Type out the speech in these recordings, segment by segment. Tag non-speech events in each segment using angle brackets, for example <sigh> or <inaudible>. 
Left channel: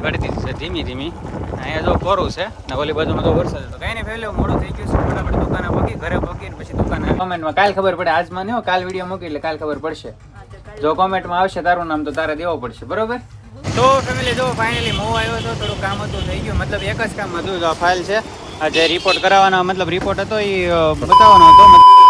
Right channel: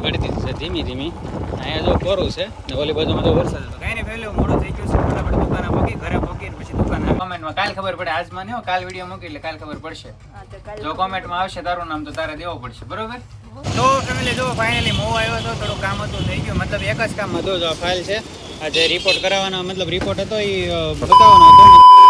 ગાડી વળતી છે ધીમી ધીમી. અહીંયા જો કોરું છે ને ઓલી બાજુમાં તો વરસાદ હતો. કાંઈ નહીં પહેલું મોડું થઈ ગયું છે. ફટાફટ દુકાને પકી ઘરે પગી ને પછી દુકાને કોમેન્ટમાં કાલ ખબર પડે. આજમાં નહીં કાલ વીડિયો મૂકી એટલે કાલ ખબર પડશે. જો કોમેન્ટમાં આવશે તારું નામ તો તારે દેવો પડશે. બરોબર? તો ફેમિલી જો ફાઇનલી મોવ આવ્યો હતો થોડું કામ હતું થઈ ગયું. મતલબ એક જ કામ હતું જો આ ફાઇલ છે. આ જે રિપોર્ટ કરાવવાનો મતલબ રિપોર્ટ હતો એ બતાવવાનો હતો.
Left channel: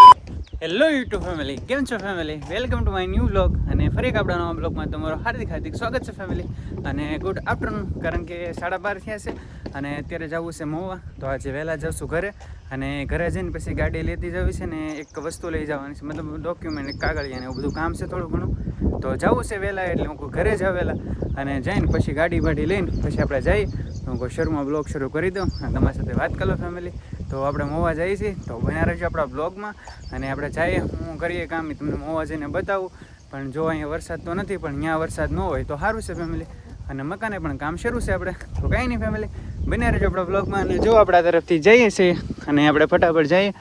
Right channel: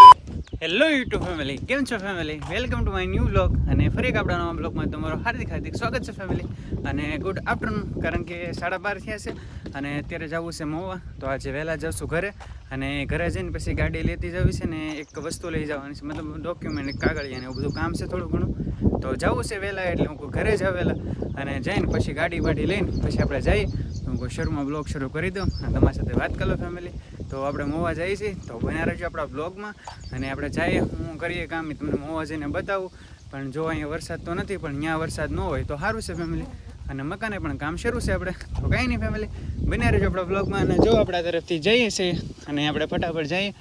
હેલો યુટ્યુબ ફેમિલી કેમ છો family welcome to my new blog અને ફરી એક આપણા નવા બ્લોગમાં તમારું હાર્દિક હાર્દિક સ્વાગત છે ફેમિલી અને ગુડ આફ્ટરનૂન કારણ કે સાડા બાર થયા છે. અને અત્યારે જવું છે મોવા. તો આજે વહેલા જશું ઘરે. અને ઘરે જઈને પછી ગાડી લેતી જવી છે ને એક વસ્તુ લઈ જવાની છે. મતલબ ડોક્યુમેન્ટ કાગળિયા ને એવું બધું કામ છે થોડું ઘણું. તો જવું છે વહેલા એટલે હું કહું ઘરે જ વહેલા અને જઈને પછી ગાડી બાડી લઈને પછી આપણે જઈ હું કહું શરૂમાં બ્લોગ શરૂ કરી દઉં અને તમારી સાથે વાત કરો ફેમિલી તો આપણે મોવા જઈએ છીએ, તો બન્યા રહેજો આપણા બ્લોગમાં અને આપણે જઈએ, હું કરીએ કામ તમને મોવા જઈને બતાવું. પણ જો અહીંયા વરસાદ તો નથી, પણ ત્યાં વરસાદ ન હોય તો સારું છે ફેમિલી અને મકાને પણ કામ શરૂ છે આપણે. તો કાંઈ નહીં ફેમિલી બન્યા રહેજો આપણા બ્લોગમાં અને જો આપણા તરફથી જઈએ છીએ અને આપણે ફટાફટ જઈએ.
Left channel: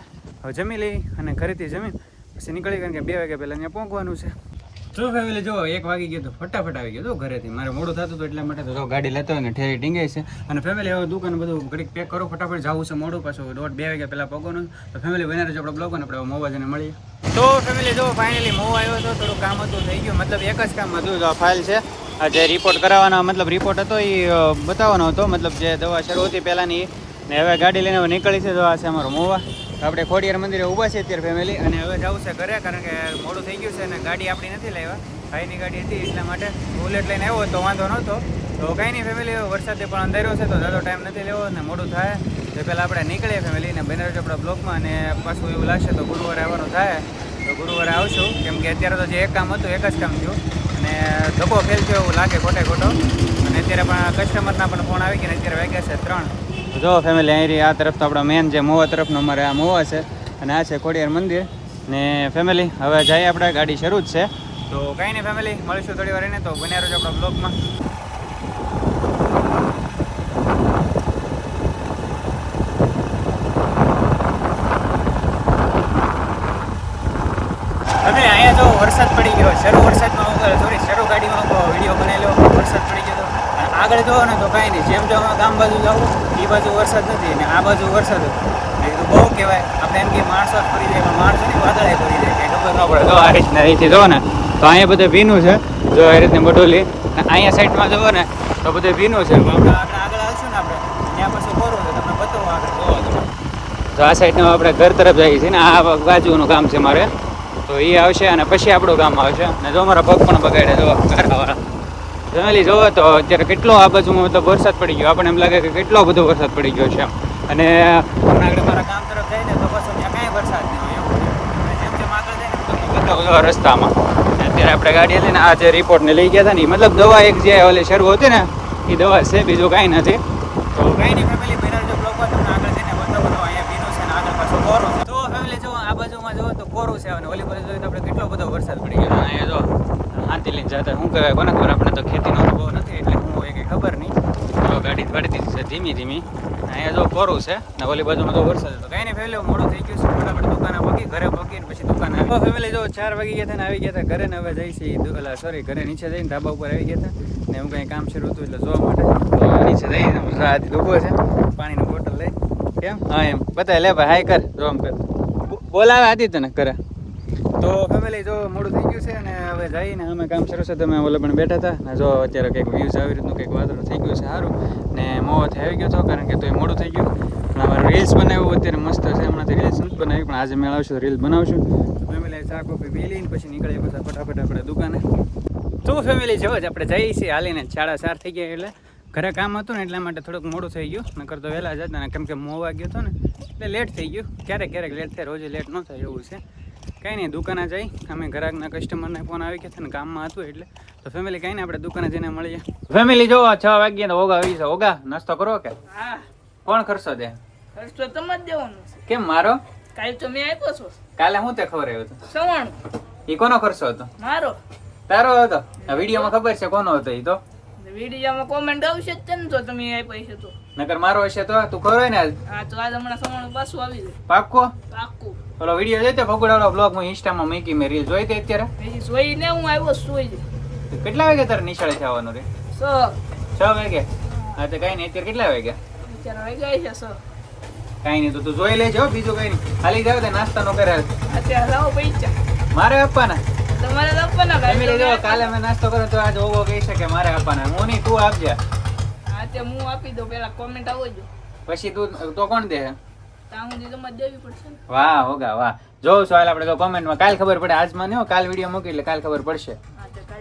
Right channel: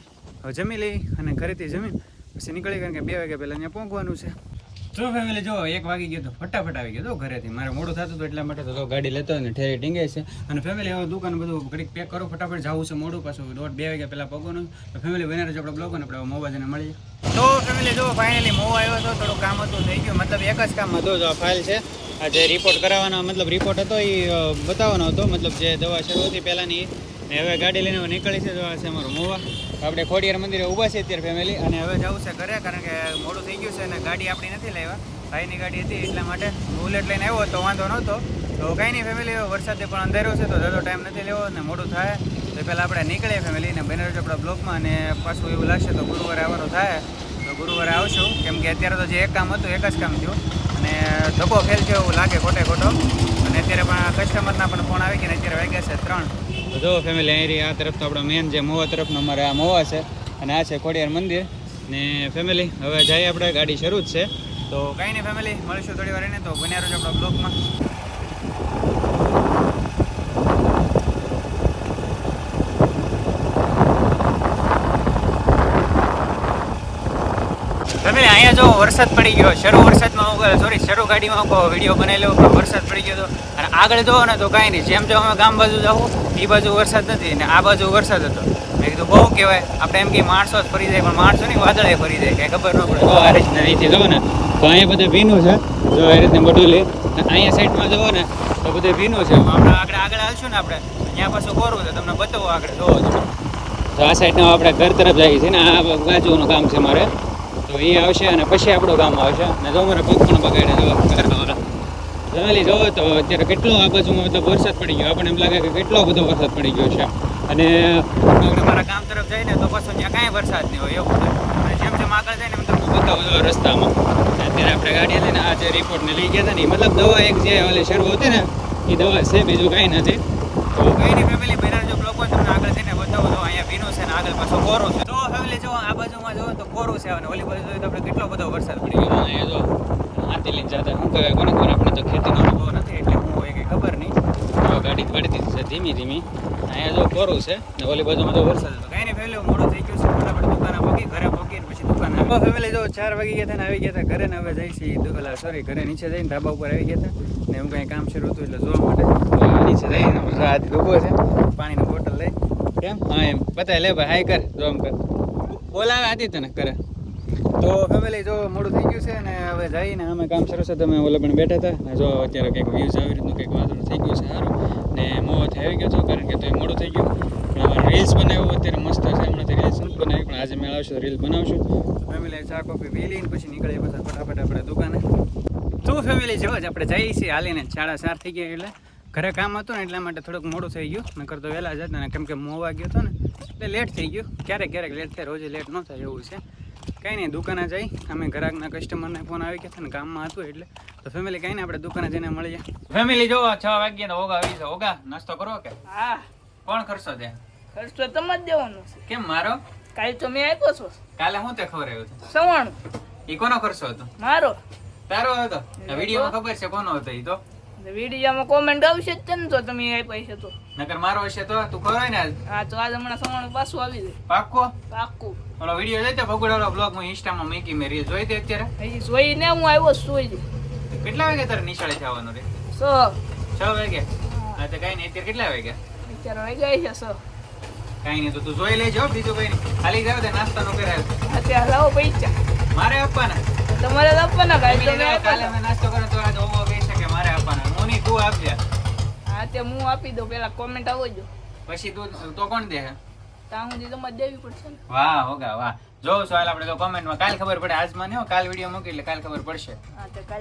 હવે જમી લઈએ અને ઘરેથી જમીન. પછી નીકળી કારણ કે બે વાગ્યા પહેલાં અહીંયા પહોંચવાનું છે. જો ફેમિલી જો એક વાગી ગયો તો ફટાફટ આવી ગયો તો ઘરેથી. મારે મોડું થતું હતું એટલા માટે તો ગાડી લેતો ને ઠેરી ટીંગાય છે. અને ફેમિલી હવે દુકાન બધું ઘડીક પેક કરો, ફટાફટ જવું છે મોડું, પાછું દોઢ બે વાગ્યા પહેલાં પગોનું. તો ફેમિલી બને રહેજો આપણે બ્લોગ આપણે મોવાજને મળીએ. તો ફેમિલી જો ફાઇનલી મોવા આવ્યો હતો, થોડું કામ હતું, થઈ ગયું. મતલબ એક જ કામ હતું, જો ફાઇલ છે. જે રિપોર્ટ કરાવવાનો મતલબ રિપોર્ટ હતો એ બતાવવાનો હતો. મતલબ જે દવા શરૂ હતી પહેલાંની, ને હવે ગાડી લઈને હવે નીકળી છે, તો આ છે અમારો મોવા. તો આપણે ખોડિયાર મંદિરે ઊભા છે અત્યારે ફેમિલી અને હવે જવું છે ઘરે, કારણ કે મોડું થઈ ગયું છે અને ગાડી આપણી નથી લાવ્યા. ભાઈની ગાડી હતી, એટલા માટે બુલેટ લઈને આવ્યો તો વાંધો નહોતો. તો કાંઈ નહીં ફેમિલી વરસાદે પણ અંધાર્યો છે, તો જાદો ટાઈમ નથી લેવો અને મોડું થાય. તો પહેલાં આપણે નીકળીએ ફેમિલી અને બને આપણા બ્લોગમાં અને પાછું એવું લાગશે તો ગુરુવારે આવવાનું થાય. તો ગુરુવારે આવશું, કેમ કે અત્યારે તો જે એક કામ હતું, એક જ કામ થયું. અને ધક્કો ફેલ થયો એવું લાગે ખોટે ખોટો. અને અત્યારે પણ કસ્ટમરના પણ ફોન આવી ગયા અત્યારે વાગ્યા છે ત્રણ. જો ફેમિલી અહીં આ તરફ તો આપણા મેન જે મોવા તરફનો અમારે આ મોવા છે અને આ છે ખોડિયાર મંદિર. ને ફેમિલી હવે જઈએ આપણે, ગાડી શરૂ જ છે. તો કાંઈ નહીં ફેમિલી મળીશું થોડી વાર એને. તો બન્યા રહેજો આપણા બ્લોગમાં ફેમિલી અહીંયા જો વરસાદ પડી ગયો, શરૂ વરસાદમાં હું સોરી શરૂ ગાડીમાં હું વીડિયો બનાવેલો, પણ વરસાદ પડી ગયો હતો અને આગળ જોવો ને તો કાંઈ નહીં, જેમ જો અમે ગામ બાજુ જાઉં એ બાજુ વરસાદ નથી ને આ બાજુ વરસાદ હતો. મેં કીધું, બહુ કહેવાય, આપણે એમ કે માણસો જ ફરી જાય, પણ માણસો નહીં વાદળે ફરી જાય, કંઈ ખબર ન પડે. જો આ રીતના અહીંથી જોવો ને, તો અહીંયા બધે ભીનું છે, જો એ રીતને બટોલી અને અહીંયા સાઈડમાં જોવો ને, તો બધે ભીનું છે. આપણે આગળ આગળ આવશું ને આપણે, ત્યાં પાછું કોરું છે, તમને બતાવો આગળ જોવો તો આ સાઈડનું આપણે ઘર તરફ જઈએ છીએ ને, આ બાજુનું કામ છે મારે. તો એ આવશે અને પછી આપણું ગામ આવશે. અને જો મારા પગ પણ બગાડે જો જમેલી જોવો તો અત્યારે કેટલો આ બાજુ મતલબ વરસાદ પડી ગયો. આપણને એમ લાગે કે કેટલો બધો વરસાદ પડી ગયો છે અને આગળ મારા ગામ તરફ જઈને તો પછી ત્યાં કાંઈ વરસાદ નહીં હોય એવું અને જેમ જેમ આગળ જાય ને એમ તમને બધા બધા રસ્તામાં. અત્યારે આપણે ગાડી લઈને આ જે રિપોર્ટને લઈ ગયા હતા ને મતલબ દવા એક જે ઓલી શરૂ હતી ને એ દવા છે, બીજું કાંઈ નથી. તો કાંઈ નહીં ફેમિલી બિરાર જો બ્લોગમાં તમને આગળ જઈને બધો બધો અહીંયા ભીનું છે ને આગળ પાછો કોરો છે. બાજુમાં જો તો કોરો છે અને ઓલી બાજુ જોઈએ તો આપણે કેટલો બધો વરસાદ પડી ગયો. અહીંયા જો શાંતિ લઈને જતા શું કહેવાય કોને ખબર આપણે તો ખેતીનો અનુભવ નથી એટલે હું એ કંઈ ખબર નહીં. તો ગાડી વળતી છે ધીમી ધીમી. અહીંયા જો કોરું છે ને ઓલી બાજુમાં તો વરસાદ હતો. કાંઈ નહીં ફેમિલી મોડું થઈ ગયું છે ફટાફટ દુકાને પગી ઘરે પગીને પછી દુકાન આવી. ફેમિલી જો ચાર વાગી ગયા હતા ને આવી ગયા હતા. ઘરે ને હવે જઈ છીએ ઓલા સોરી ઘરે નીચે જઈને ધાબા ઉપર આવી ગયા હતા. ને હું કંઈ કામ શરૂ હતું એટલે જોવા માટે. નીચે જઈને રાત ઊભો છે. પાણીની બોટલ લઈ. કેમ? હા એમ. બતાય લે ભાઈ હાય કર જો આમ કર. બોલાવે આદિ તને કરે તો ફેમિલી જો મોડું થઈ ગયું છે અને હવે જઈને અમે કામ શરૂ છે. તમે ઓલા પણ બેઠા હતા. ને જો અત્યારે કંઈક વ્યૂઝ આવી રીતનું, કંઈક વાદળ થઈ ગયું છે સારું. ને મોવાથી આવી ગયો છો, કારણ કે તો એ મોડું થઈ ગયું. પણ અમારે રીલ્સ બનાવ્યું અત્યારે મસ્ત છે. હમણાંથી રીલ્સ નથી બનાવી, પણ આજે મેળ આવશું રીલ્સ બનાવશું ફેમિલી ચા કોફી પી લઈને પછી નીકળી પછી ફટાફટ આપણે દુકાને. તો ફેમિલી જો, જ આપણે જઈએ છીએ. હાલીને સાડા ચાર થઈ ગયા એટલે. ઘરે કામ હતું ને એટલા માટે થોડુંક મોડું થઈ ગયું. નકર તો વહેલા જ હતા ને કેમ કે મોવા ગયો હતો ને એટલે લેટ થઈ ગયું. ક્યારેક ક્યારેક લેટ થાય રોજે લેટ ન થાય એવું છે. કાંઈ નહીં દુકાને જઈ. અમે ગ્રાહકના કસ્ટમરને ફોન આવી ગયા હતા ને કામમાં હતું એટલે. તો ફેમિલી કાંઈ નહીં આપણે દુકાને જઈને મળીએ. ફેમિલી જો છ વાગ્યા ને ઓગા આવી છે ઓગા નાસ્તો કરો કે? હા. કોણ ખર્ચો દે? ખર્ચો તમે જ દેવાનો છે. કેમ મારો? કાલે તો મેં આપ્યો છો. કાલે હું તે ખબર હતો? સવાણું. એ કોનો ખર્ચો હતો? મારો. તારો હતો? વિડીયોમાં ખબર છે કોનો હતો એ તો? વિડીયોમાં કોમેન્ટ આવશે જ ને તો તમે આપ્યા છે તો. નકર મારો હશે તો તું ખબર ને હા તો આજ હમણાં સવાણું પાછું આવી જાય. પાક્કો? પાક્કો. ઓલો વીડિયો જોઈતો ભગોડાનો બ્લોગ હું ઇન્સ્ટામાં મૂકી મેં રીલ જોઈ હતી અત્યારે? એ જોઈને હું આવ્યો સુઈ કેટલા વાગે તારે નિશાળે આવવાનું રે? છ. છ વાગે? વાગ્યા હા તો કઈ નહીં અત્યારે કેટલા વાગ્યા? અત્યારે વાગ્યા છે સર કઈ નહીં તો તું જોઈ લેજો બીજું કઈ ખાલી જાવ તો નાસ્તા નો કરે અત્યારે લાવો પૈસા. મારે આપવાના? તમારે આપવાના કાલે કાલે. મેં નાસ્તો કર્યો તો આજ ઓવો કહી શકે મારે આપવાના આપજે હા તે હું આપી દઉં પેલા કોમેન્ટ આવો જો પછી તું તો કોણ દે? ત્યાં સુધી તમારે દેવી પડશે વાહ હોગા વાહ. જો સવાલ આપણે તો કોમેન્ટમાં કાલ ખબર પડે આજ મને હો, કાલ વીડિયો મૂકી એટલે કાલ ખબર પડશે.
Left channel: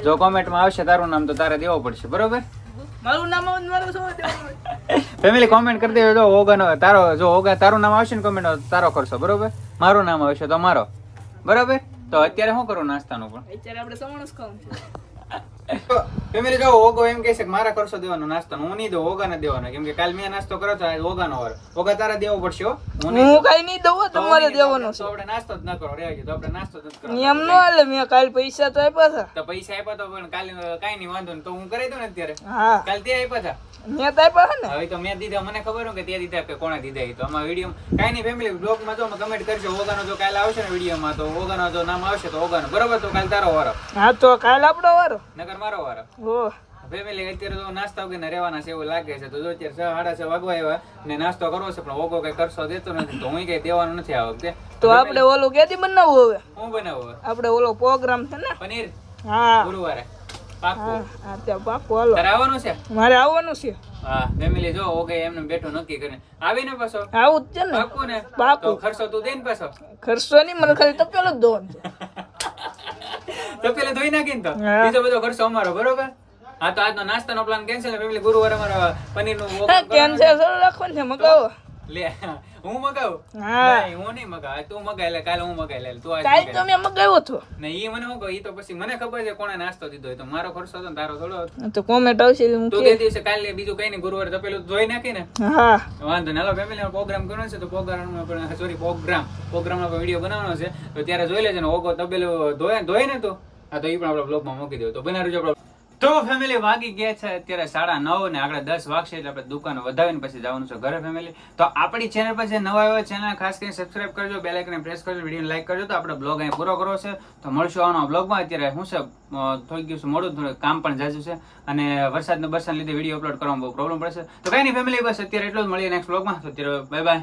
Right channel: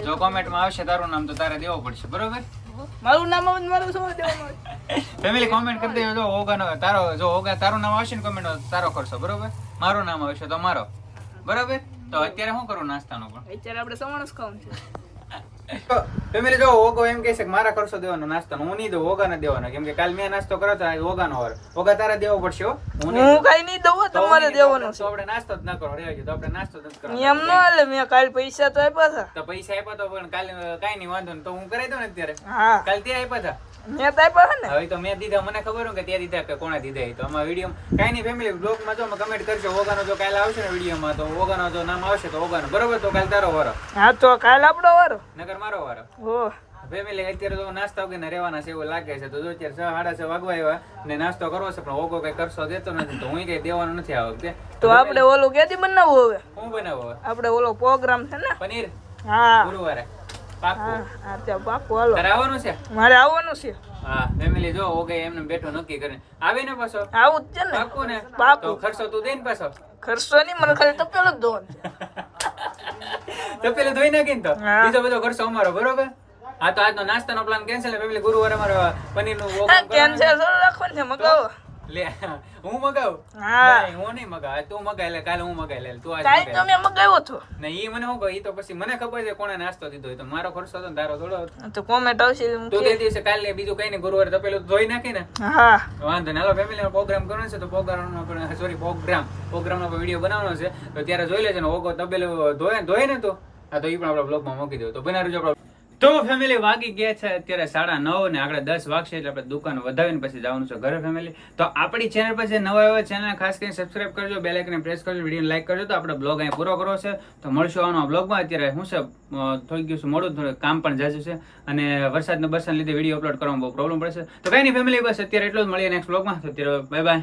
જો કોમેન્ટમાં આવશે તારું નામ તો તારે દેવો પડશે બરોબર? મારું નામ આવે મારું શું દેવાનું ફેમિલી કોમેન્ટ કરી દેજો જો હોગાનો તારો જો હોગા તારું નામ આવશે ને કોમેન્ટ તારો ખર્ચો બરોબર? મારું નામ આવશે તો મારો. બરોબર? તો અત્યારે શું કરું નાસ્તાનું પણ? અત્યારે આપણે સવાણું જ ખાવાનું છે. <laughs> ફેમિલી જો ઓગો એમ કહે છે કે મારા કરશો દેવાનો નાસ્તો હું નહીં દઉં ઓગાને દેવાનો. કેમ કે કાલ મેં નાસ્તો કર્યો તો ઓગાનો વાર ઓગા તારે દેવો પડશે હું. કઈ નહીં દઉં તમારે દેવાનો તો આપણે- નાસ્તો જ ન કરો રે તો આપણે નાસ્તો જ કરવાનો. એમ ન હાલે મેં કાલ પૈસા તો આપ્યા હતા. તો પૈસા આપ્યા તો પણ કાલ કાંઈ નહીં વાંધો ને તો હું કરાઈ દઉં ને અત્યારે? હા. કાલ તે આપ્યા હતા? મેં તો આપ્યા ને. હવે તો મેં દીધા મને ખબર હોય કે ત્યાં દીધા કે કોણે દીધા તો. આમાં વીડિયો કાઈ નહીં ફેમિલી બ્લોગમાં જો કમેન્ટ કરજો ઓગાનો જો કાલે આવશે ને વિડીયોમાં તો ઓગાનો જો નામ આવશે તો ઓગાનો. બરોબર તો કાલ તારો વારો? હા તો કાલ આપણો વારો. નગર મારો વારો. હો ફેમિલી અત્યારે તો નાસ્તા વગર રહેવાના છે એવું લાગે છે. તો જો અત્યારે છ સાડા છ વાગવા આવ્યા ને નાસ્તો કરવો છે પણ ઓગો કઈ કરશો દેતો નથી. તો હું કઈ દેવાનું નથી આ વખતે. તો આપણે ઓલું ક્યાંથી બનાવવું હવે? હું બનાવો આપણે ઓલો પ્રોગ્રામ છે ને? પનીર? હા. ગુરુવારે. આવવાનું છે? મારે આવવાનું છે. હા ફેમિલી જો ઓગે એમને બેઠો નક્કી કરીને. આવીને પાછો. આવું જ છે ને? પાકું ને? પાકું. ખર્ચો તું દે ને પાછો. ખર્ચો નહીં મને ખાલી તપેલો જ ધોવાનું તો પેલા ધોઈ નાખીને તો. બીજો બધો ખર્ચો અમારો બરોબર? હા તો આજનો નાસ્તાનો પ્લાન કેન્સલ પેલી ગુરુવારે અમારો પનીરનું કેન્સલ રાખવાનું છે મગાવો. લે હું મગાવું? હા. નહીં હું નહીં મગાવ. તું મગાય લે કાલે હું મગાઈ લે તું આજ કાલે તમે તો મગાવ્યો હતો ને ઈ મને શું કહે ઈ તો પછી મને ખબર છે કોણે નાસ્તો દીધો તો. મારો ખર્ચો હતો ને તારો થોડો હતો. તો કોમેન્ટ આવશે હું તું તે દિવસે કાલે બીજું કઈ નહીં ગુરુવારે તો પેલું ધોઈ નાખી ને. હા. વાંધો નહીં. હાલો ફેમિલી પ્રોગ્રામ કરવાનો છે તો પ્રોગ્રામ સોરી પ્રોગ્રામ પ્રોગ્રામનો નો વીડિયો બનાવવાનો છે. તો ત્યારે જોઈ લેજો ને ઓગો તબેલું ધોય ધોય ને તો. આ તો એ પણ આપણે બ્લોગમાં મૂકી દો તો બનાવી આપણે તો ફેમિલી વાગી ગયા છે અત્યારે સાડા નવ ને આગળ દસ વાગશે એટલે આપણે દુકાન વધાવીને પછી જવાનું છે ઘરે ફેમિલી તો આપણી ચેનલ પર જે નવા આવ્યો ચેનલ ખાસ કરીને સબસ્ક્રાઇબ કરજો બે આઇકન પ્રેસ કરજો વીડિયો લાઈક કરજો તો આપણે બ્લોગ અહીં પૂરો કરવો છે. તો મળશું આવવાનો બ્લોગમાં અત્યારે શું છે થોડીક દિવસ મોડું થોડું કામ પણ જાજુ છે અને વરસાદના બરસાદને લીધે વીડિયો અપલોડ કરવામાં બહુ પ્રોબ્લેમ પડશે તો કઈ નહીં ફેમિલી બસ અત્યારે એટલું જ મળીએ નેક્સ્ટ બ્લોગમાં તો અત્યારે બાય બાય